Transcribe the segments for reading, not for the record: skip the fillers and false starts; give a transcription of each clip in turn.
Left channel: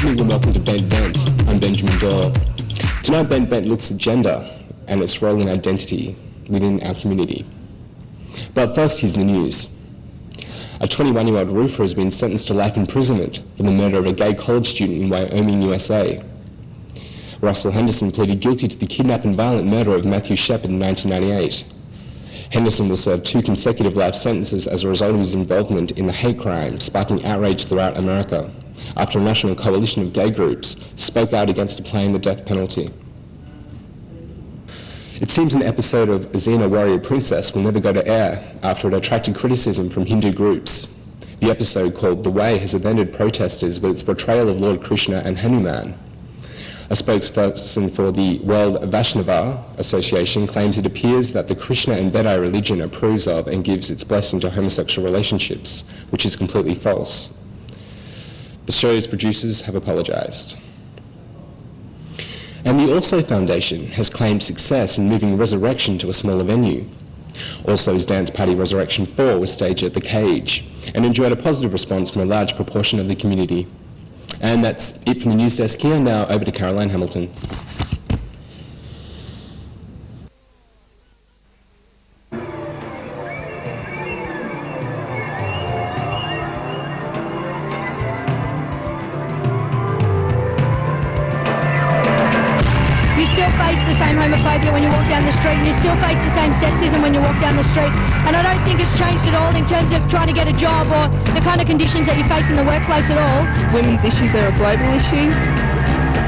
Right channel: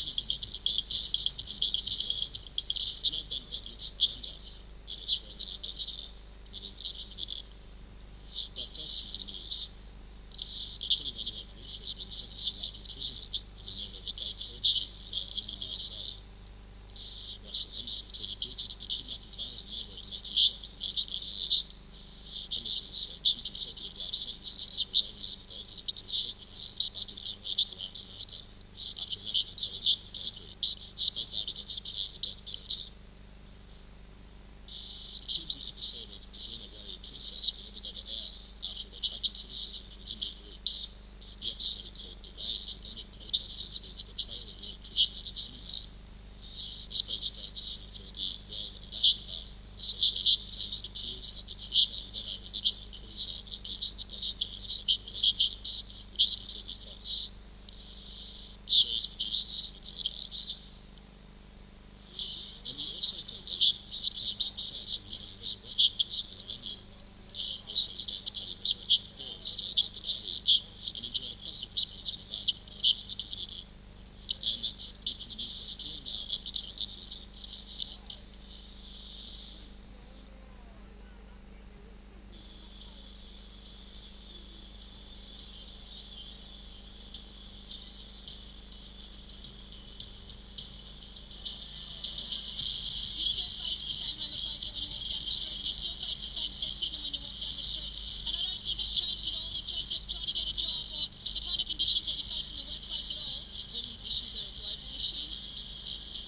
evening and welcome to Bent Vent. I'm Benjamin Doyle. Tonight Bent Vent looks at gender and its role in identity within our community. But first, here's the news. A 21-year-old roofer has been sentenced to life imprisonment for the murder of a gay college student in Wyoming, USA. Russell Henderson pleaded guilty to the kidnap and violent murder of Matthew Shepard in 1998. Henderson will serve 2 consecutive life sentences as a result of his involvement in the hate crime, sparking outrage throughout America, after a national coalition of gay groups spoke out against applying the death penalty. It seems an episode of Xena Warrior Princess will never go to air after it attracted criticism from Hindu groups. The episode, called Dawe, has offended protesters with its portrayal of Lord Krishna and Hanuman. A spokesperson for the World Vaishnava Association claims it appears that the Krishna and Vedai religion approves of and gives its blessing to homosexual relationships, which is completely false. The show's producers have apologised. And the Also Foundation has claimed success in moving Resurrection to a smaller venue. Also's dance party Resurrection 4 was staged at The Cage and enjoyed a positive response from a large proportion of the community. And that's it from the news desk here. Now over to Caroline Hamilton. You still face the same homophobia when you walk down the street, and you still face the same sexism when you walk down the street. And I don't think it's changed at all in terms of trying to get a job or the kind of conditions that you face in the workplace at all. Women's issues are a global issue.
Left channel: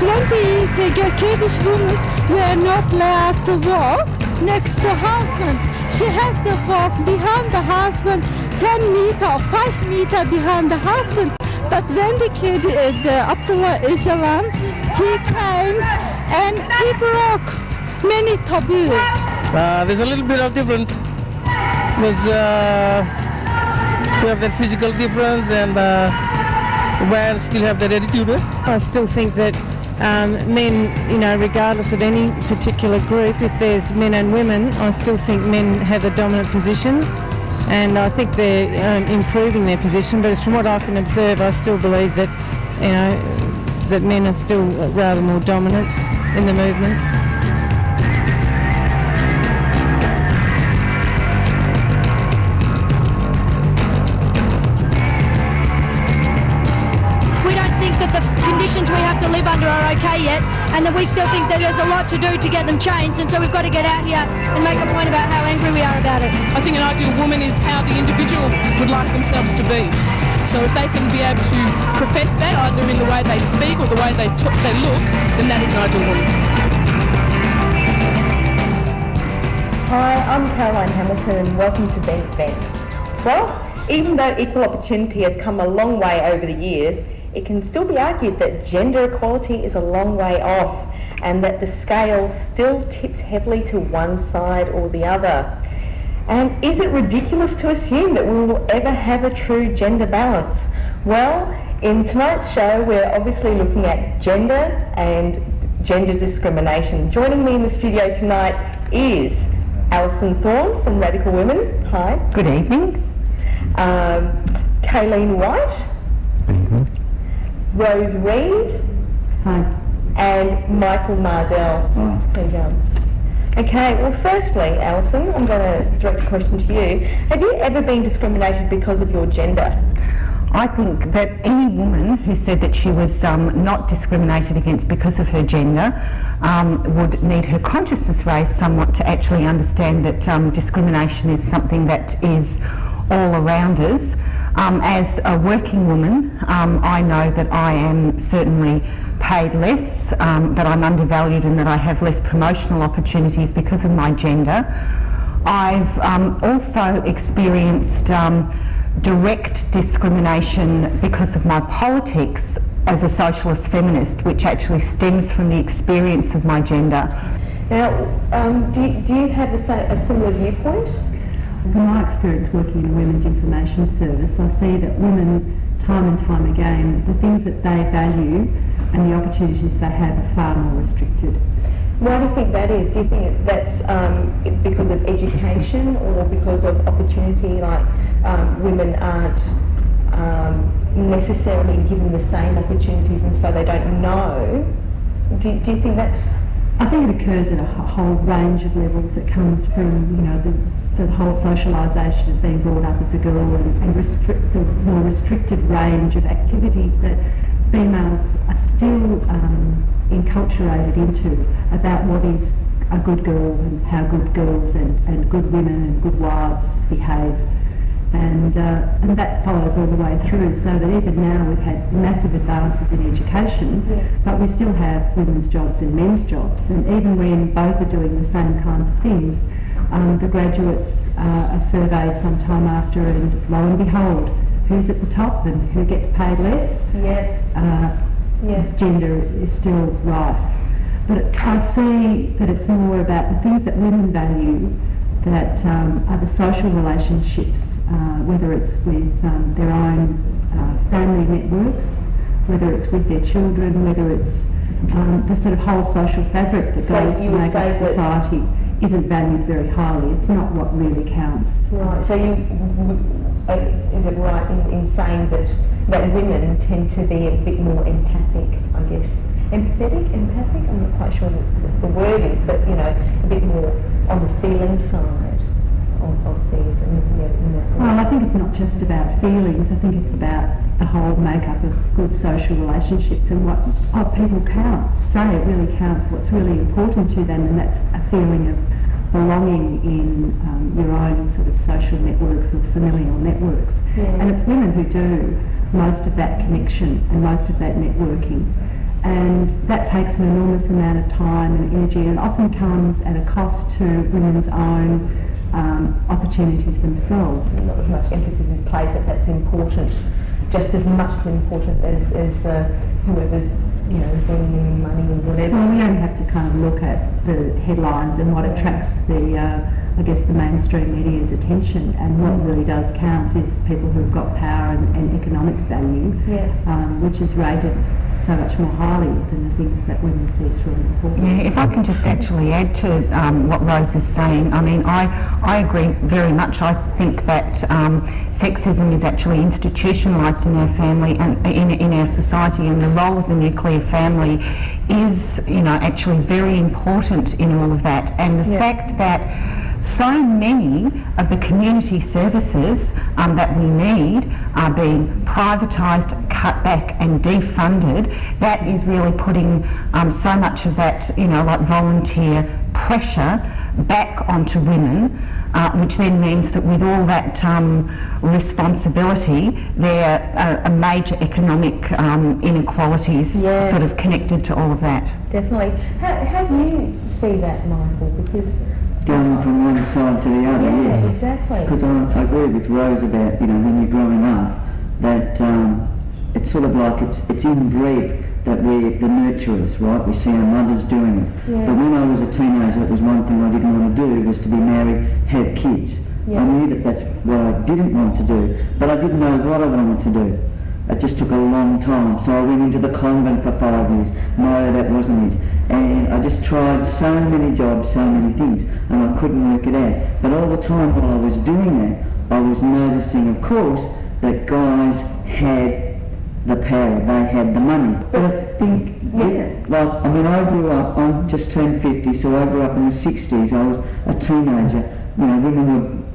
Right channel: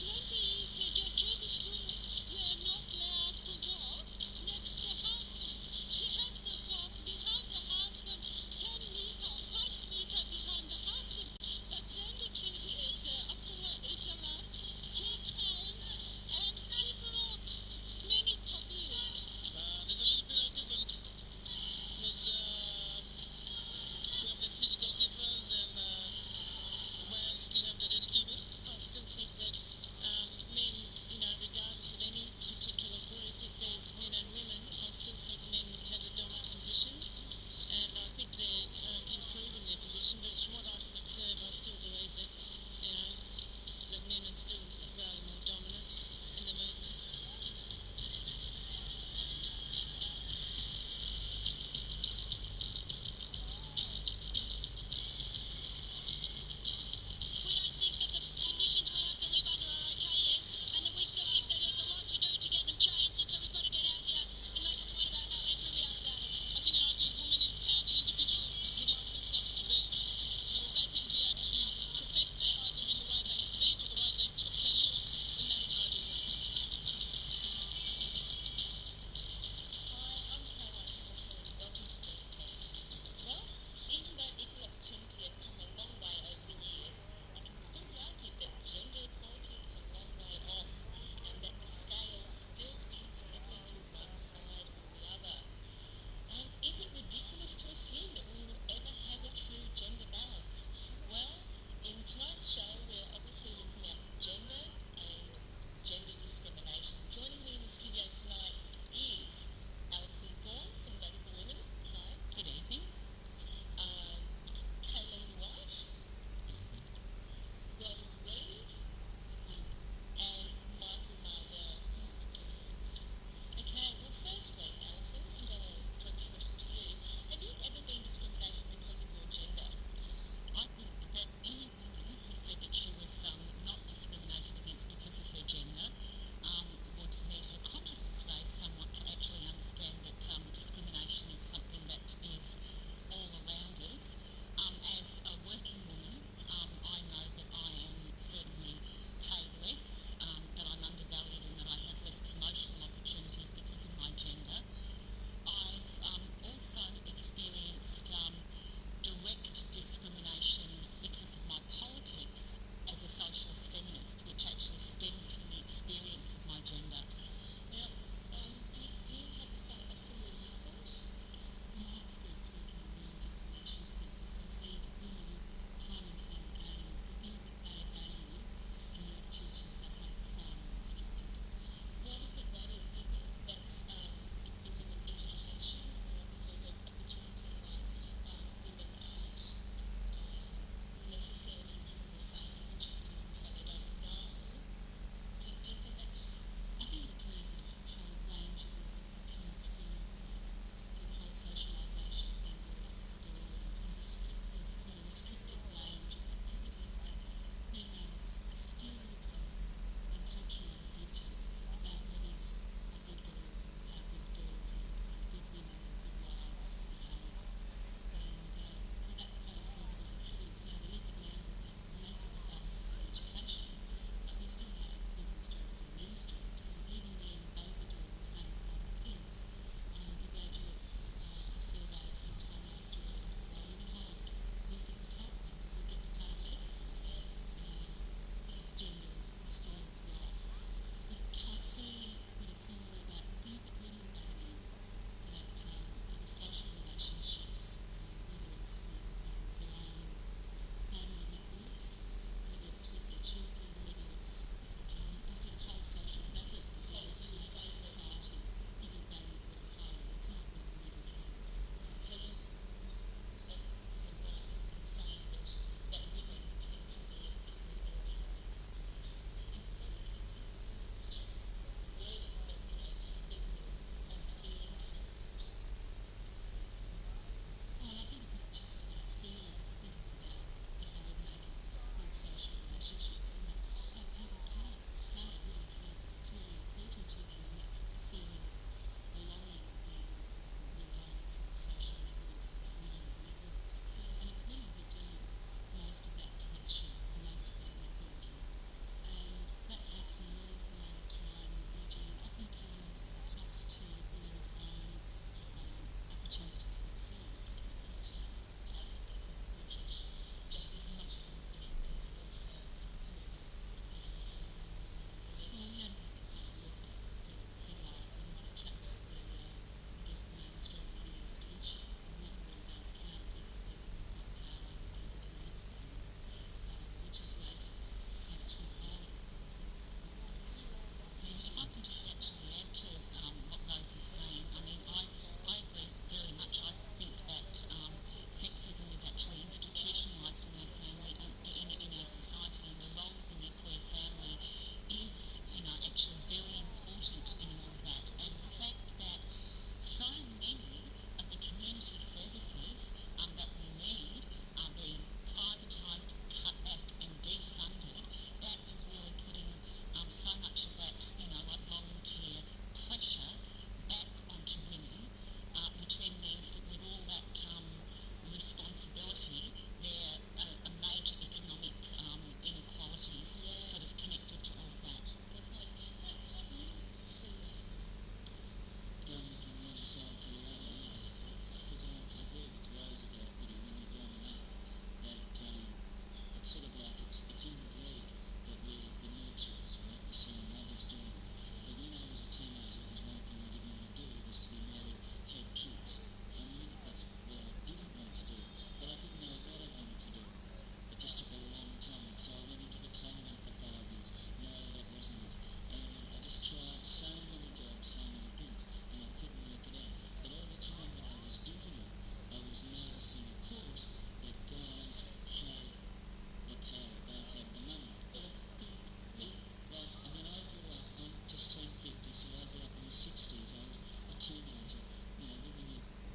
20 Kurdish women were not allowed to walk next to husband. She has to walk behind the husband 10 meter or 5 meter behind the husband. But when the Abdullah Öcalan, he came and he broke many taboos. There's a little bit of difference because we have that physical difference and women still have that attitude. I still think that men, regardless of any particular group, if there's men and women, I still think men have a dominant position. And I think they're improving their position, but from what I can observe, I still believe that, that men are still rather more dominant in the movement. We don't think that the conditions we have to live under are okay yet, and that we still think that there's a lot to do to get them changed, and so we've got to get out here and make a point about how angry we are about it. I think an ideal woman is how the individual would like themselves to be. So if they can be able to profess that, either in the way they speak or the way they look, then that is an ideal woman. Hi, I'm Caroline Hamilton and welcome to Bent Vent. Well, even though equal opportunity has come a long way over the years, it can still be argued that gender equality is a long way off and that the scale still tips heavily to one side or the other. And is it ridiculous to assume that we will ever have a true gender balance? Well, in tonight's show, we're obviously looking at gender and gender discrimination. Joining me in the studio tonight is Alison Thorne from Radical Women. Hi. Good evening. Kayleen White. Good evening. Rose Reed. Hi. And Michael Mardell. Hi. There you go. Okay, well firstly, Alison, I'm going to direct the question to you. Have you ever been discriminated because of your gender? I think that any woman who said that she was not discriminated against because of her gender would need her consciousness raised somewhat to actually understand that discrimination is something that is all around us. As a working woman, I know that I am certainly paid less, that I'm undervalued and that I have less promotional opportunities because of my gender. I've also experienced direct discrimination because of my politics as a socialist feminist, which actually stems from the experience of my gender. Now, do you have a similar viewpoint? From my experience working in a women's information service, I see that women, time and time again, the things that they value and the opportunities they have are far more restricted. Why do you think that is? Do you think that's because of education or because of opportunity, like women aren't necessarily given the same opportunities, and so they don't know. Do you think that's... I think it occurs at a whole range of levels. It comes from, you know, the whole socialisation of being brought up as a girl and the more restricted range of activities that females are still enculturated into about what is a good girl and how good girls and good women and good wives behave. And that follows all the way through, so that even now we've had massive advances in education, but we still have women's jobs and men's jobs, and even when both are doing the same kinds of things, the graduates are surveyed some time after, and lo and behold, who's at the top and who gets paid less? Gender is still rife. But I see that it's more about the things that women value, that are the social relationships, whether it's with their own family networks, whether it's with their children, whether it's the sort of whole social fabric that goes to make up society isn't valued very highly. It's not what really counts. Right, so is it right in saying that women tend to be a bit more empathic, I guess? Empathic? I'm not quite sure what the word is, but, you know, a bit more on the feeling side of things. Well, I think it's not just about feelings. I think it's about the whole makeup of good social relationships and what people say it really counts, what's really important to them, and that's a feeling of belonging in your own sort of social networks or familial networks. And it's women who do most of that connection and most of that networking. And that takes an enormous amount of time and energy, and often comes at a cost to women's own opportunities themselves. Not as much emphasis is placed that that's important, just as much as important as whoever's, you know, bringing in money and whatever. Well, we only have to kind of look at the headlines and what attracts the mainstream media's attention, and what really does count is people who've got power and economic value, which is rated so much more highly than the things that women see as really important. Yeah, if I can just actually add to what Rose is saying, I mean, I agree very much. I think that sexism is actually institutionalised in our family and in our society, and the role of the nuclear family is, you know, actually very important in all of that. And the fact that so many of the community services that we need are being privatised, cut back and defunded. That is really putting so much of that, you know, like volunteer pressure back onto women, which then means that with all that responsibility, there are major economic inequalities sort of connected to all of that. Definitely. How do you see that, Michael? Because going from one side to the other, yes. Exactly. Because I agree with Rose about, you know, when you're growing up, that it's sort of like it's inbred that we're the nurturers, right? We see our mothers doing it. But when I was a teenager, it was one thing I didn't want to do, was to be married, have kids. I knew that that's what I didn't want to do, but I didn't know what I wanted to do. It just took a long time. So I went into the convent for 5 years. No, that wasn't it. And I just tried so many jobs, so many things, and I couldn't work it out. But all the time while I was doing that, I was noticing, of course, that guys had the power, they had the money. But I think, like, I mean, I grew up, I just turned 50, so I grew up in the 60s. I was a teenager. You know, women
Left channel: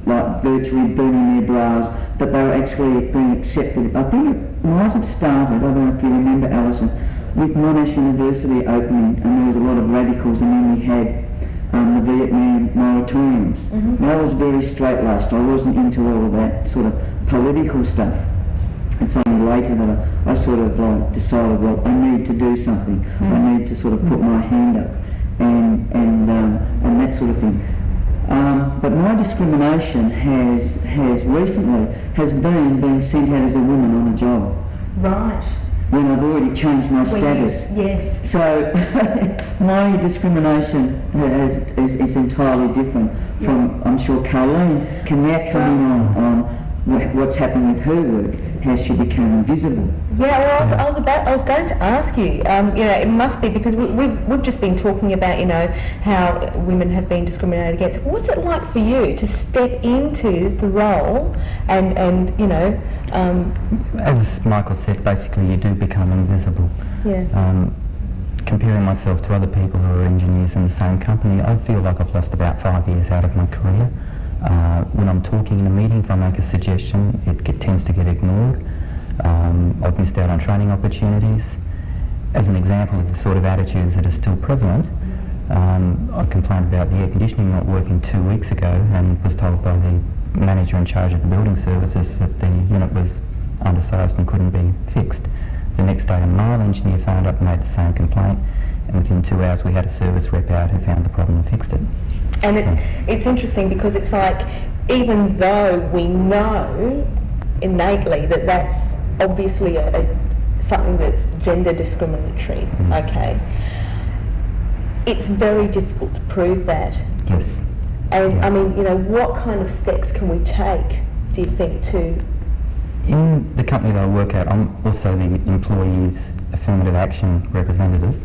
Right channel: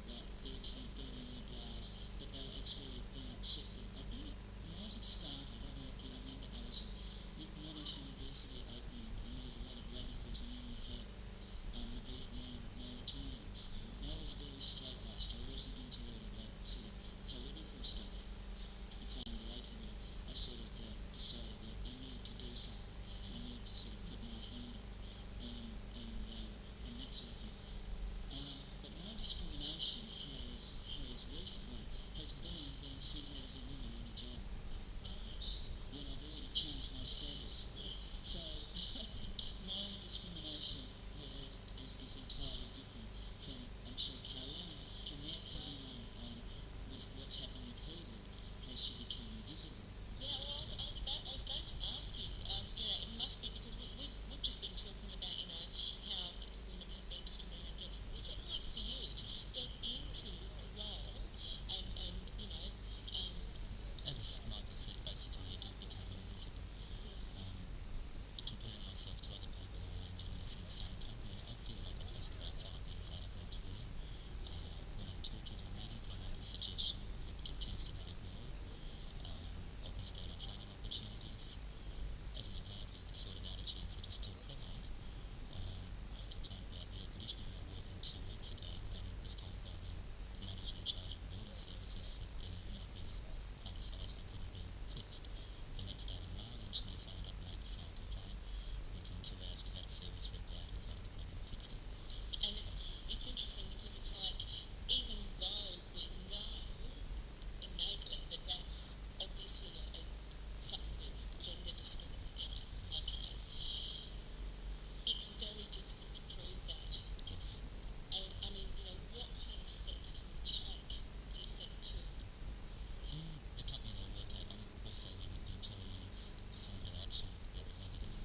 were like virtually burning their bras, but they were actually being accepted. I think it might have started, I don't know if you remember, Alison, with Monash University opening, and there was a lot of radicals, and then we had the Vietnam moratoriums. And I was very straight-laced. I wasn't into all of that sort of political stuff. It's only later that I sort of like decided, well, I need to do something. I need to sort of put my hand up and that sort of thing. But my discrimination has recently been being sent out as a woman on a job. Right. When I've already changed my status. Yes. So my discrimination is entirely different from, I'm sure Colleen can now come in on what's happened with her work, how she became invisible. Yeah, well, I was going to ask you. You know, it must be because we've just been talking about, you know, how women have been discriminated against. What's it like for you to step into the role and you know, As Michael said, basically you do become invisible. Yeah. Comparing myself to other people who are engineers in the same company, I feel like I've lost about 5 years out of my career. When I'm talking in a meeting, if I make a suggestion, it tends to get ignored. I've missed out on training opportunities. As an example of the sort of attitudes that are still prevalent, I complained about the air conditioning not working 2 weeks ago and was told by the manager in charge of the building services that the unit was undersized and couldn't be fixed. The next day a mile engineer phoned up and made the same complaint, and within 2 hours we had a service rep out who found the problem and fixed it. And it's interesting because it's like, even though we know innately that that's obviously something that's gender discriminatory, okay, it's very difficult to prove that. Yes. And Yeah. I mean, you know, what kind of steps can we take, do you think, to... In the company that I work at, I'm also the employee's affirmative action representative,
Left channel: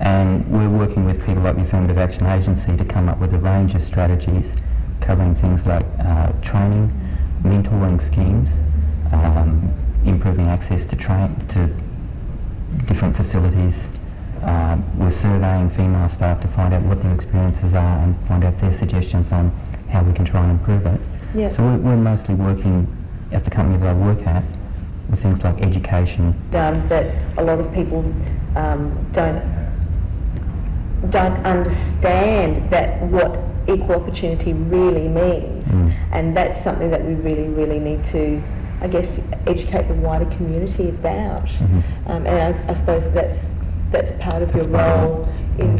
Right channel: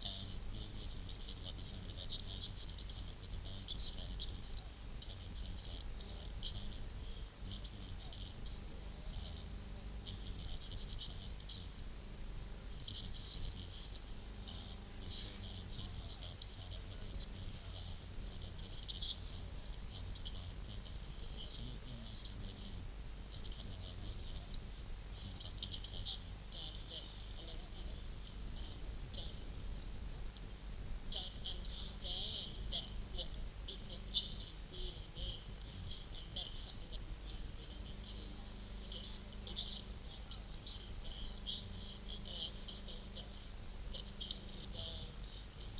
and we're working with people like the Affirmative Action Agency to come up with a range of strategies covering things like training, mentoring schemes, improving access to different facilities. We're surveying female staff to find out what their experiences are and find out their suggestions on how we can try and improve it. Yeah. So we're mostly working at the company that I work at with things like education. that a lot of people don't understand that what equal opportunity really means, and that's something that we really need to, I guess, educate the wider community about. And I suppose that's part of your role in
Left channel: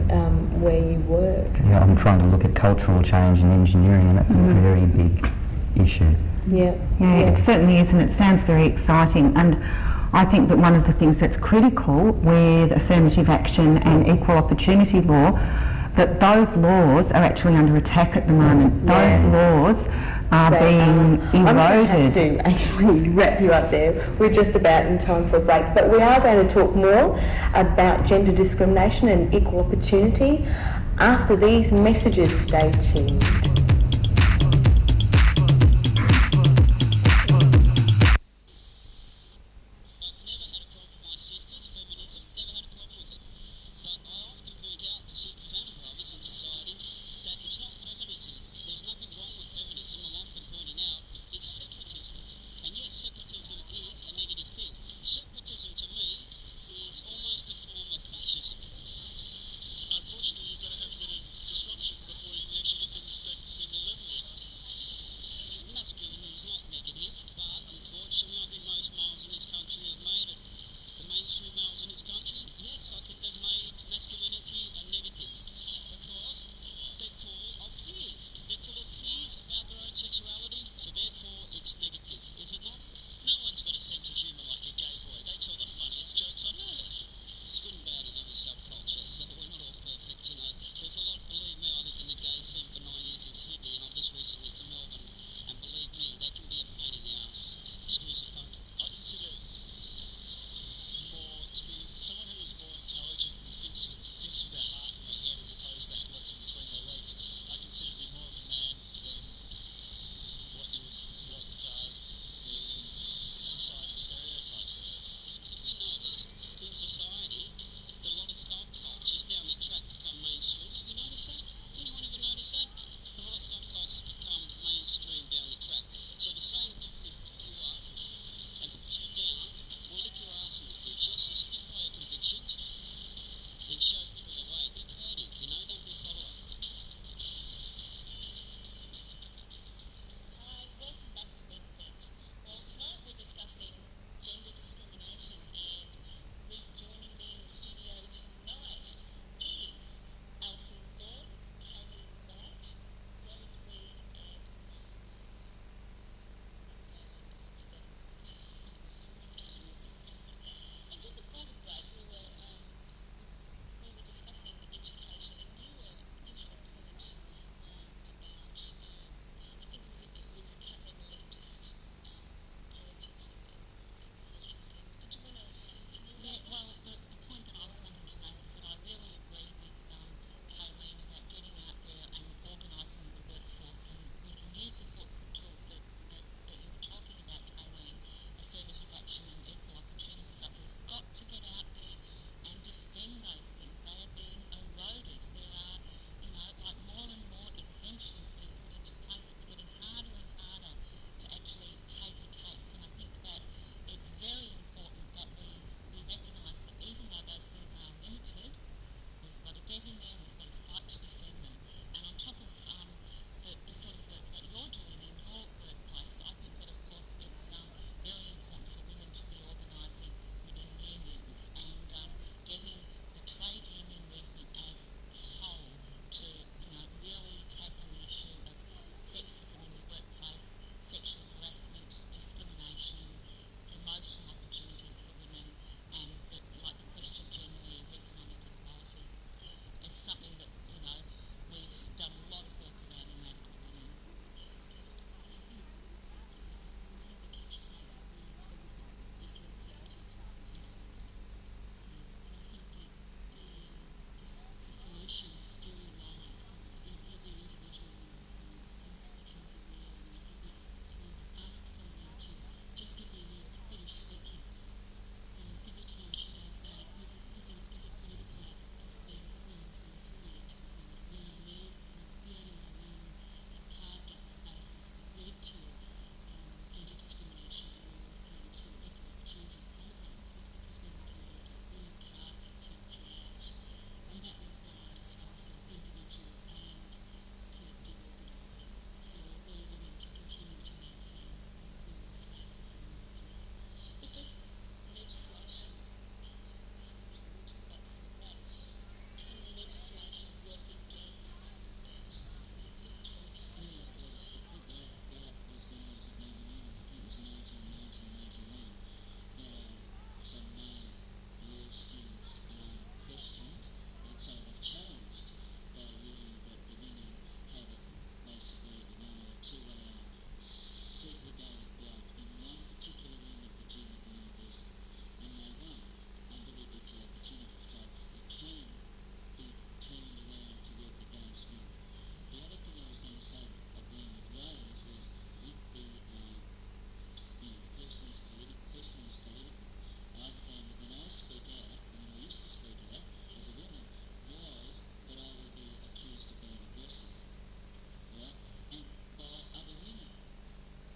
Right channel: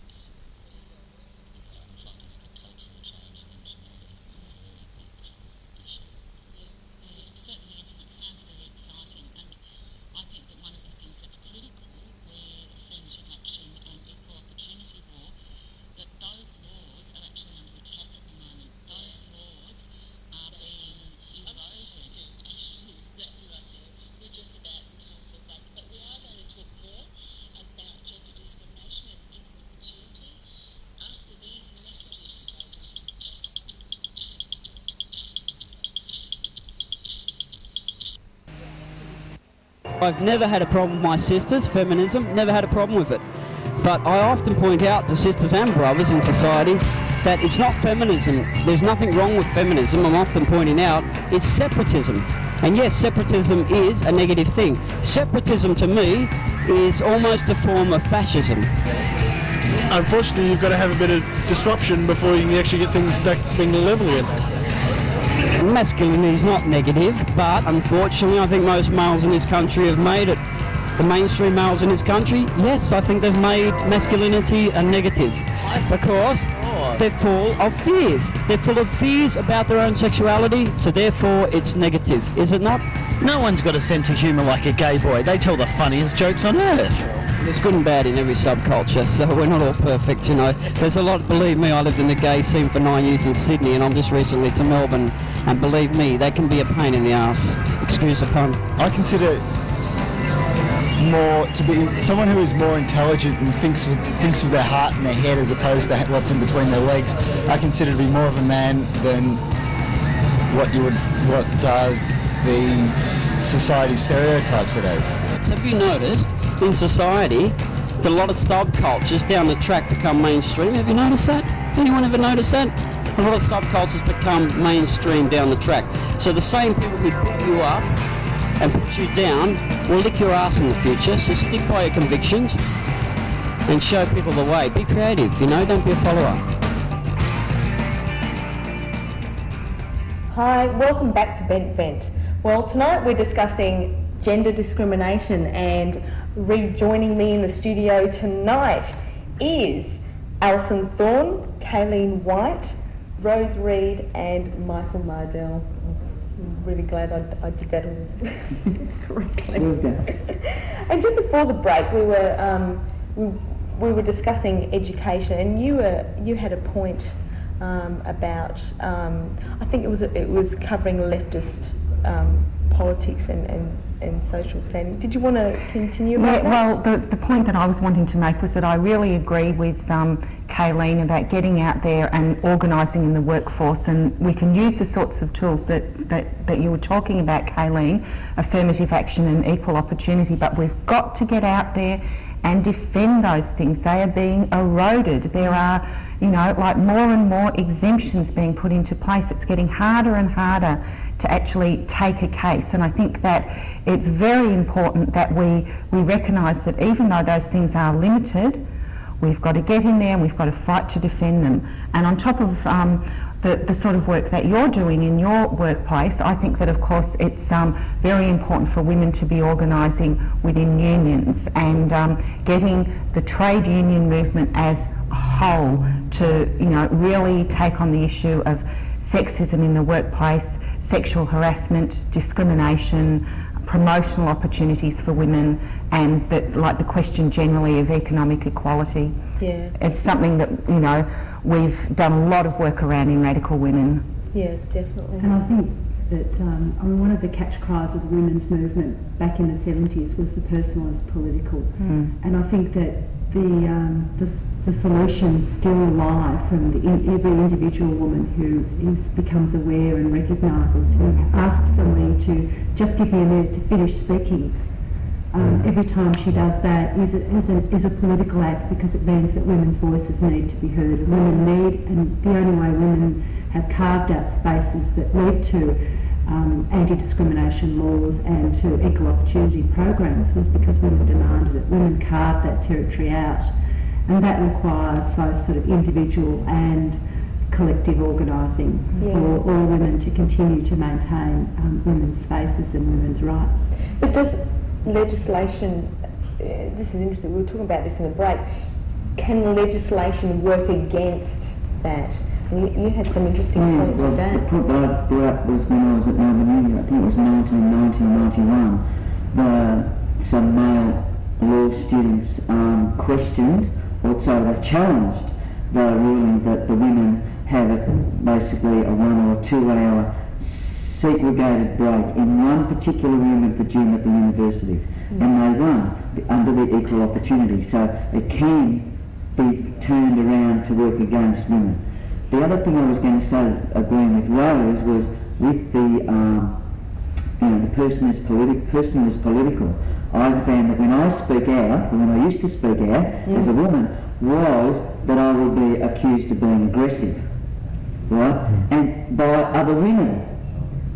where you work. Yeah, I'm trying to look at cultural change in engineering, and that's a very big issue. Yeah. It certainly is, and it sounds very exciting. And I think that one of the things that's critical with affirmative action and equal opportunity law, that those laws are actually under attack at the moment. Those laws are being eroded. I'm going to have to actually wrap you up there. We're just about in time for a break, but we are going to talk more about gender discrimination and equal opportunity after these messages. Stay tuned. I've never had a problem with my sisters, feminism, never had a problem with it. But I often point out to sisters and brothers in society that it's not feminism. There's nothing wrong with feminism. I'm often pointing out it's separatism. And yes, separatism is a negative thing. Separatism to me is almost a form of fascism. Unfortunately, you've got to have a bit of disruption before you can actually get things back being level again. Masculinity is not negative, but unfortunately I think most males in this country have made it. The mainstream males in this country, yes, I think they've made masculinity a negative because they're full of fears. They're full of fears about their own sexuality, so therefore it's negative, is it not? No one's got a sense of humour like a gay boy. They tell the funniest jokes on earth. There's good and bad in every subculture, so we're not all perfect, you know. There's a lot, believe me, I lived in the gay scene for 9 years in Sydney, and I'm just recently to Melbourne, and believe me, they can be a pain in the arse. Excuse the pun. I consider more to be someone who is more intelligent and thinks with their heart and their head as opposed to what's in between their legs. I consider to be more of a man than what the society stereotypes it as. So have you noticed in society that a lot of subcultures down the track become mainstream? Have you noticed that? Anyone ever noticed that? A lot of subcultures become mainstream down the track. So the same people who pick you up and put you down will lick your ass in the future. So stick by your convictions and show people the way. Be creative, you know, don't be a follower. Hi, welcome back to Bent Vent. Well, tonight we're discussing gender discrimination, and rejoining me in the studio tonight is Alison Thorne, Kayleen White, Rose Reed and Michael Mardell. I'm really glad I did that all correctly. And just before the break, we were discussing education, and you had a point about I think it was covering leftist politics and social standing. Did you want to continue about that? Well, the point that I was wanting to make was that I really agree with Kayleen about getting out there and organising in the workforce, and we can use the sorts of tools that you were talking about, Kayleen, affirmative action and equal opportunity, but we've got to get out there and defend those things. They are being eroded. There are, like more and more exemptions being put into place. It's getting harder and harder to actually take a case, and I think that it's very important that we recognise that even though those things are limited, we've got to get in there and we've got to fight to defend them. And on top of the sort of work that you're doing in your workplace, I think that of course it's very important for women to be organising within unions and getting the trade union movement as a whole to really take on the issue of sexism in the workplace, sexual harassment, discrimination, promotional opportunities for women, and the question generally of economic equality. Yeah. It's something that we've done a lot of work around in Radical Women. Yeah, definitely. And I think that one of the catch cries of the women's movement back in the 70s was the personal is political. And I think that the solutions still lie from every individual woman who becomes aware and recognises, who asks somebody to just give me a minute to finish speaking. Every time she does that is a political act, because it means that women's voices need to be heard. And the only way women have carved out spaces that lead to anti-discrimination laws and to equal opportunity programs was because women demanded it. Women carved that territory out, and that requires both sort of individual and collective organising for all women to continue to maintain women's spaces and women's rights. But does legislation, this is interesting, we were talking about this in the break, can legislation work against that? You had some interesting points with that. The point that I brought up was when I was at Melbourne Uni, I think it was 1990 or 91, some male law students questioned, or sorry, they challenged the ruling that the women have basically a 1 or 2 hour segregated break in one particular room of the gym at the university, and they won under the equal opportunity. So it can be turned around to work against women. The other thing I was going to say, agreeing with Rose, was with the the person is political. I found that when I speak out, or when I used to speak out as a woman, was that I would be accused of being aggressive, right? And by other women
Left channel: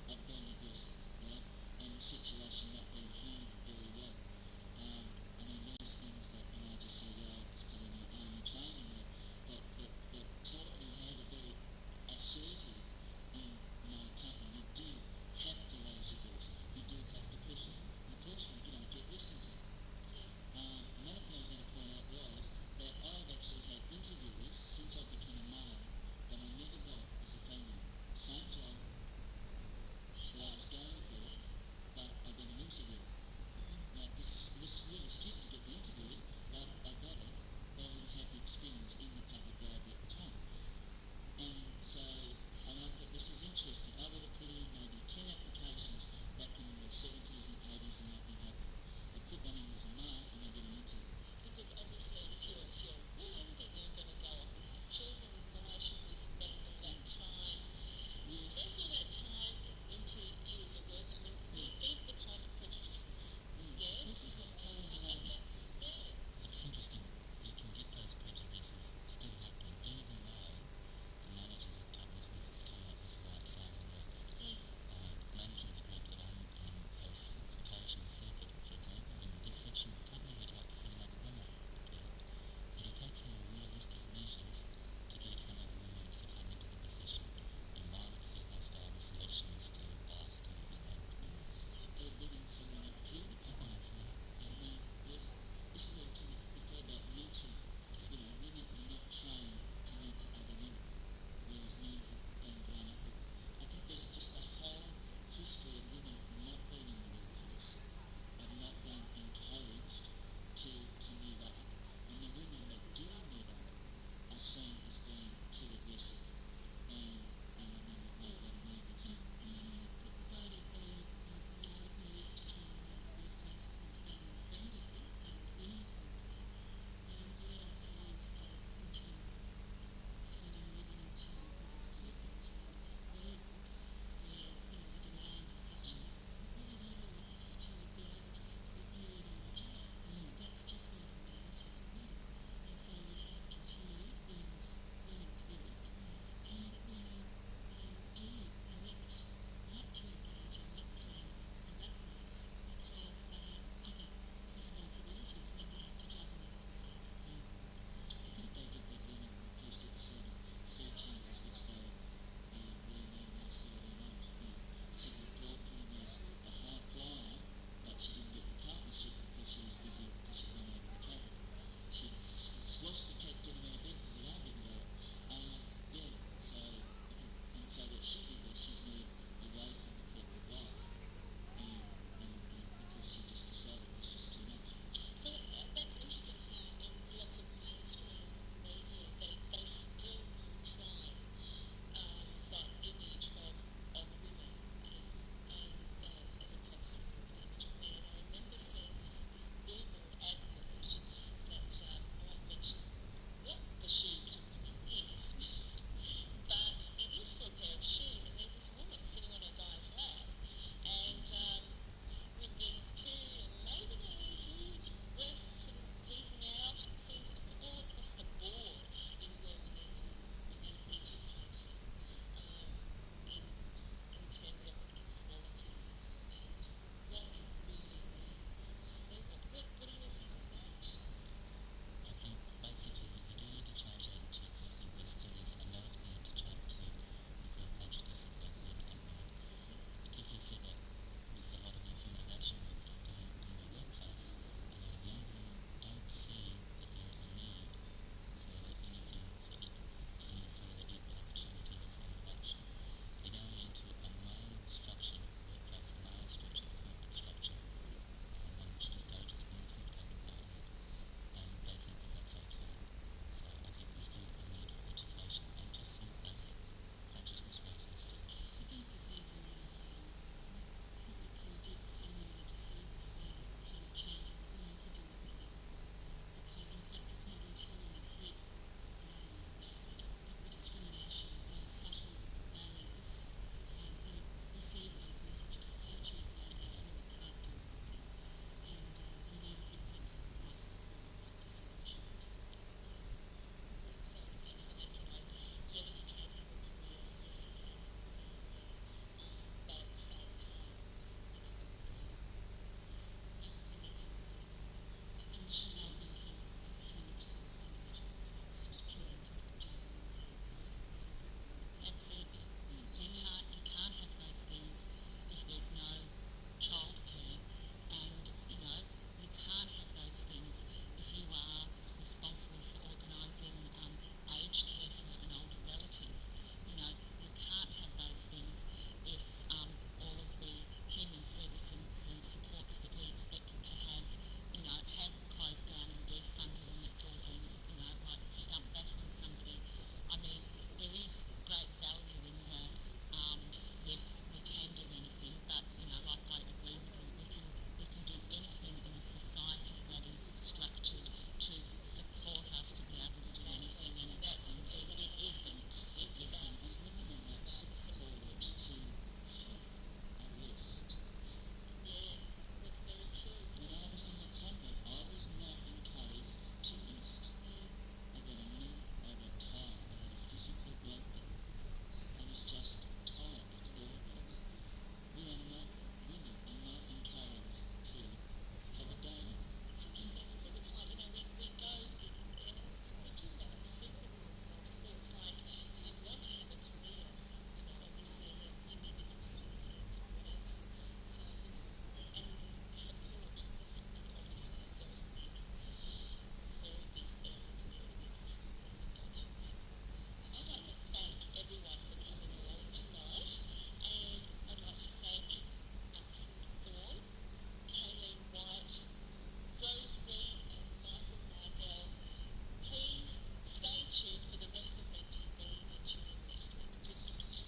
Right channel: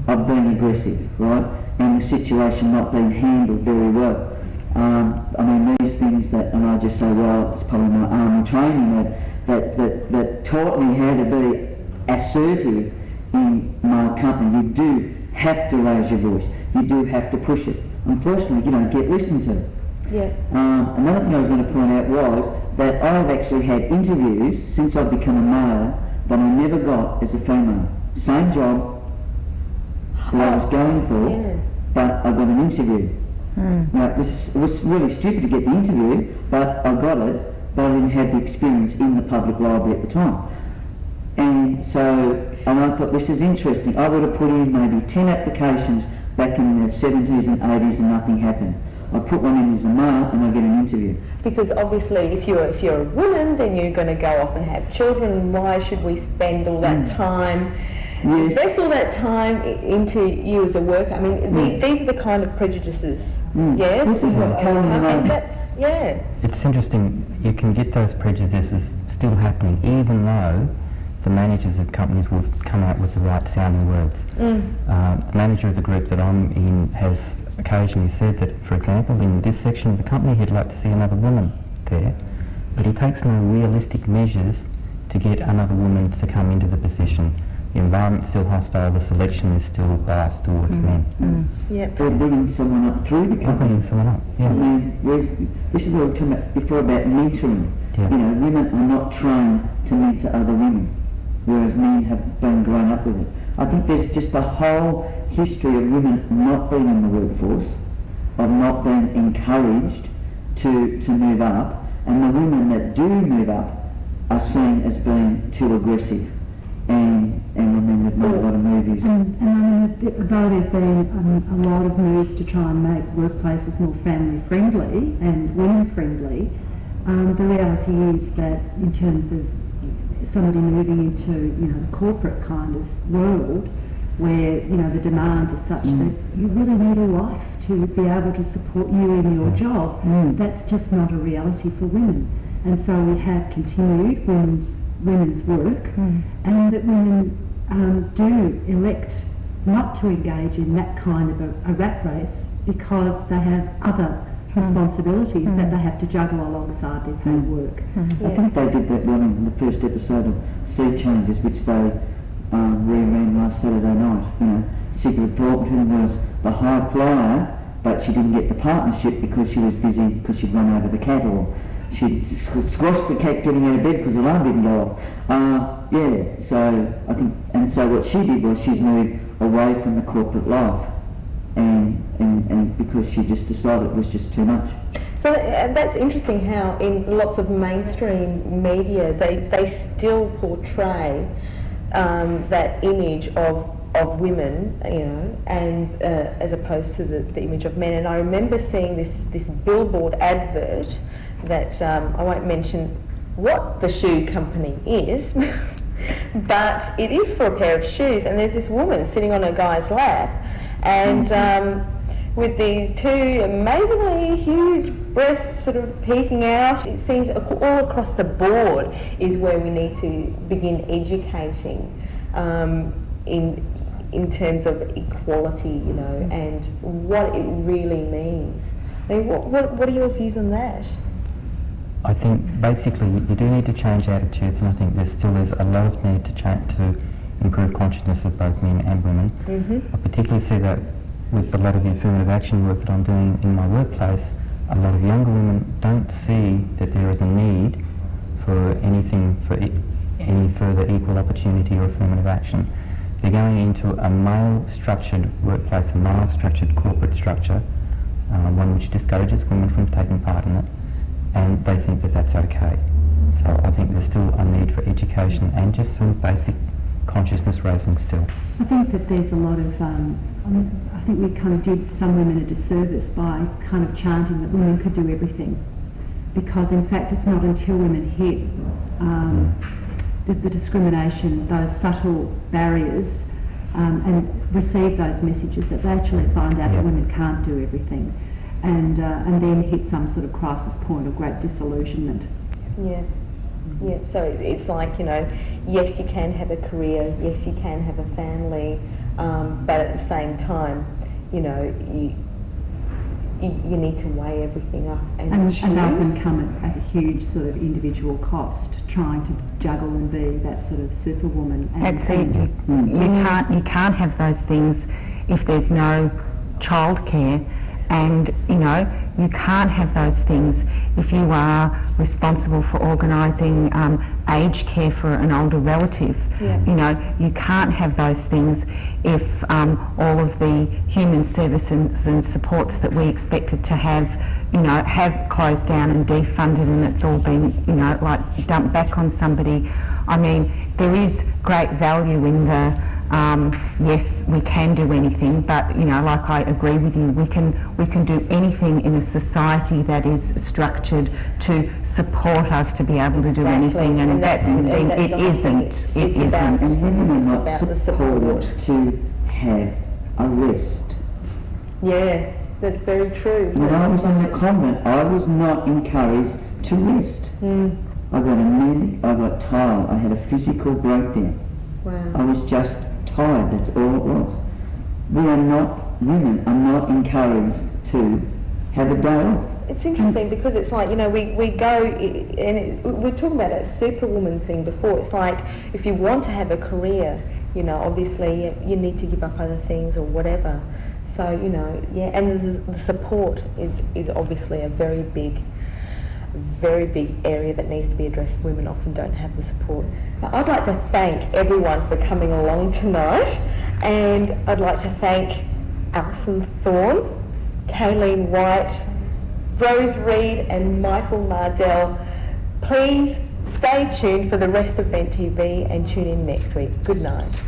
of being aggressive, right? And the situation not being handled very well. I mean, these things that, and I just say, well, it's probably my army training that taught me how to be assertive in my company. You do have to raise your voice. You do have to push it. Unfortunately, you don't get listened to. Yeah. Another thing I was going to point out was that I've actually had interviews since I've become a male that I never got as a female. Same job that I was going for, but I got an interview. Now, it was really stupid to get the interview, but I got it, but I didn't have the experience in the public library at the time. And so I thought, this is interesting. I would have put in maybe 10 applications back in the 70s and 80s and nothing happened. I put one in as a male and I get an interview. Because obviously if you're a woman, then you're going to go off and have children. Why should we spend all that time, invest all that time into you as a worker? I mean, these are the kind of prejudices. Yeah, this is what It's interesting, you can get those prejudices still happening even though the managers of companies will come out with the right sounding words. The manager of the group that I'm in has occasionally said that, for example, in this section of the company he'd like to see another woman there, but he takes no realistic measures to get another woman to come into the position. The environment's still hostile, the selection is still biased towards men. They're bringing someone up through the company. Bringing someone up, I mean, this is what we were talking about before about mentoring. You know, women are not trained to mentor other women, whereas men have been grown up with it. I think there's just a whole history of women not being in the workforce, of not being encouraged to move up, and the women that do move up are seen as being too aggressive. and I mean they've made a lot of movies. And I mean, though there have been a lot of moves to try and make workplaces more family friendly and women friendly, the reality is that in terms of somebody moving into, you know, the corporate kind of world, where, you know, the demands are such that you really need a wife to be able to support you in your job. That's just not a reality for women. And so we have continued women's work, and that women do elect not to engage in that kind of a rat race because they have other responsibilities that they have to juggle alongside their paid work. I think they did that one in the first episode of Sea Changes, which they re-ran last Saturday night. You know, Sigrid Thornton was the high flyer, but she didn't get the partnership because she was busy because she'd run over the cat, or she'd squashed the cat getting out of bed because the alarm didn't go off. Yeah, so I think, and so what she did was she's moved away from the corporate life, and because she just decided it was just too much. So that's interesting how in lots of mainstream media they still portray that image of women, you know, and as opposed to the image of men. And I remember seeing this billboard advert that I won't mention what the shoe company is, but it is for a pair of shoes, and there's this woman sitting on a guy's lap, and with these two amazingly huge breasts sort of peeking out. It seems all across the board is where we need to begin educating in terms of equality, you know, and what it really means. I mean, what are your views on that? I think basically you do need to change attitudes, and I think there still is a lot of need to improve consciousness of both men and women. I particularly see that with a lot of the affirmative action work that I'm doing in my workplace. A lot of younger women don't see that there is a need for anything for any further equal opportunity or affirmative action. They're going into a male-structured workplace, a male-structured corporate structure, one which discourages women from taking part in it, and they think that that's okay. So I think there's still a need for education and just some basic consciousness raising still. I think that there's a lot of, I think we kind of did some women a disservice by kind of chanting that women could do everything, because in fact it's not until women hit the discrimination, those subtle barriers, and receive those messages that they actually find out that women can't do everything, and then hit some sort of crisis point of great disillusionment. Yeah. Yeah, so it's like, you know, yes, you can have a career, yes, you can have a family, but at the same time, you know, you need to weigh everything up and choose. And often come at a huge sort of individual cost, trying to juggle and be that sort of superwoman. That's it. You can't have those things if there's no childcare. And, you know, you can't have those things if you are responsible for organising aged care for an older relative. Yeah. You know, you can't have those things if all of the human services and supports that we expected to have, you know, have closed down and defunded, and it's all been, you know, like dumped back on somebody. I mean, there is great value in the yes, we can do anything, but, you know, like I agree with you, we can do anything in a society that is structured to support us to be able to do anything, and that's the thing. It isn't. And women are not supported to have a rest. Yeah, that's very true. When I was in the convent, I was not encouraged to rest. I got anemic, I got tired, I had a physical breakdown. Wow. I was just tired, that's all it was. Women are not encouraged to have a day off. It's interesting because it's like, you know, we go, and we're talking about a superwoman thing before. It's like, if you want to have a career, you know, obviously you need to give up other things or whatever. So, you know, yeah, and the support is obviously a very big area that needs to be addressed. Women often don't have the support. But I'd like to thank everyone for coming along tonight, and I'd like to thank Alison Thorne, Kayleen White, Rose Reed and Michael Nardell. Please Stay tuned for the rest of Vent TV and tune in next week. Good night.